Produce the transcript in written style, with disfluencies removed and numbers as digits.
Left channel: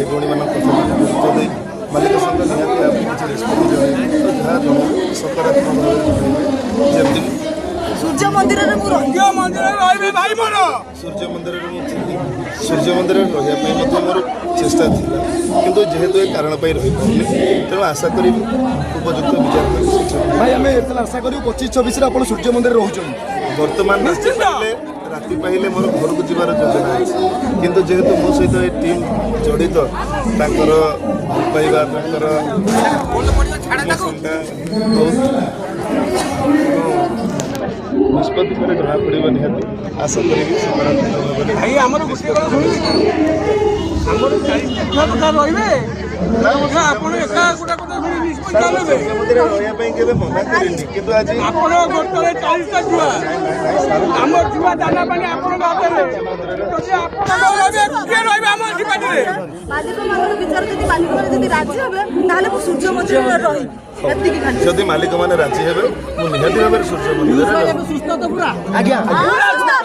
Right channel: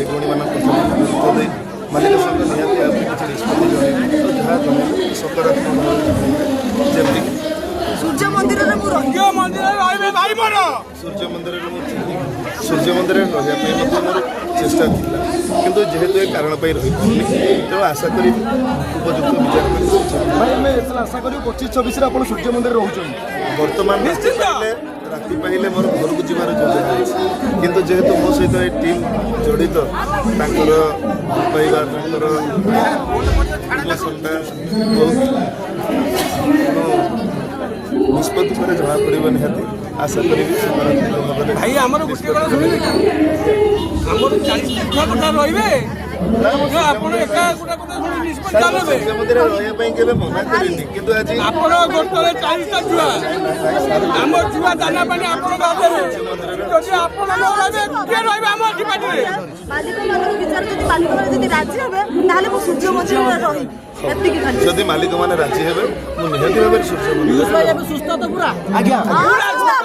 भाई भौणी मालिक सकारात्मक सूर्य मंदिर सूर्य मंदिर मोर चेष्टा थी किंतु जेहेतु ए कारण रही तेणु आशा करी उपयुक्त विचार भाई आम आशा करूँ 25-24 सूर्य मंदिर रोचे बर्तमान राति पाइले मोर घर को जीवार योजना अच्छे किंतु जेहेतु मो सहित ए टीम जड़ित ताकर पाइबा ताकर निष्पत्ति पर जमा पड़े निहाती आशा करी भाई आमर गोटे कथा शुणिले आमर 40 कथा रहिबे आपण एका गोटे कथा शुणी निष्पत्ति आलेबे रहिया पई केबे मना करिनी किंतु आज आपण गोटे 40 टा छुआ आमर छुआ दाना पानी आपण गादेबे जदि आपण न रहबे के रहबे आमर डिपार्टमेंट रे मालिक मान विचार जदि मालिक मान जदि राजी हेबे ताले मो सूर्य मंदिर रही एतिकी खाली जदि मालिक माने राजी हेबे मो निहाती भाबे सूर्य मंदिर सुस्थ तो पूरा आज्ञा हां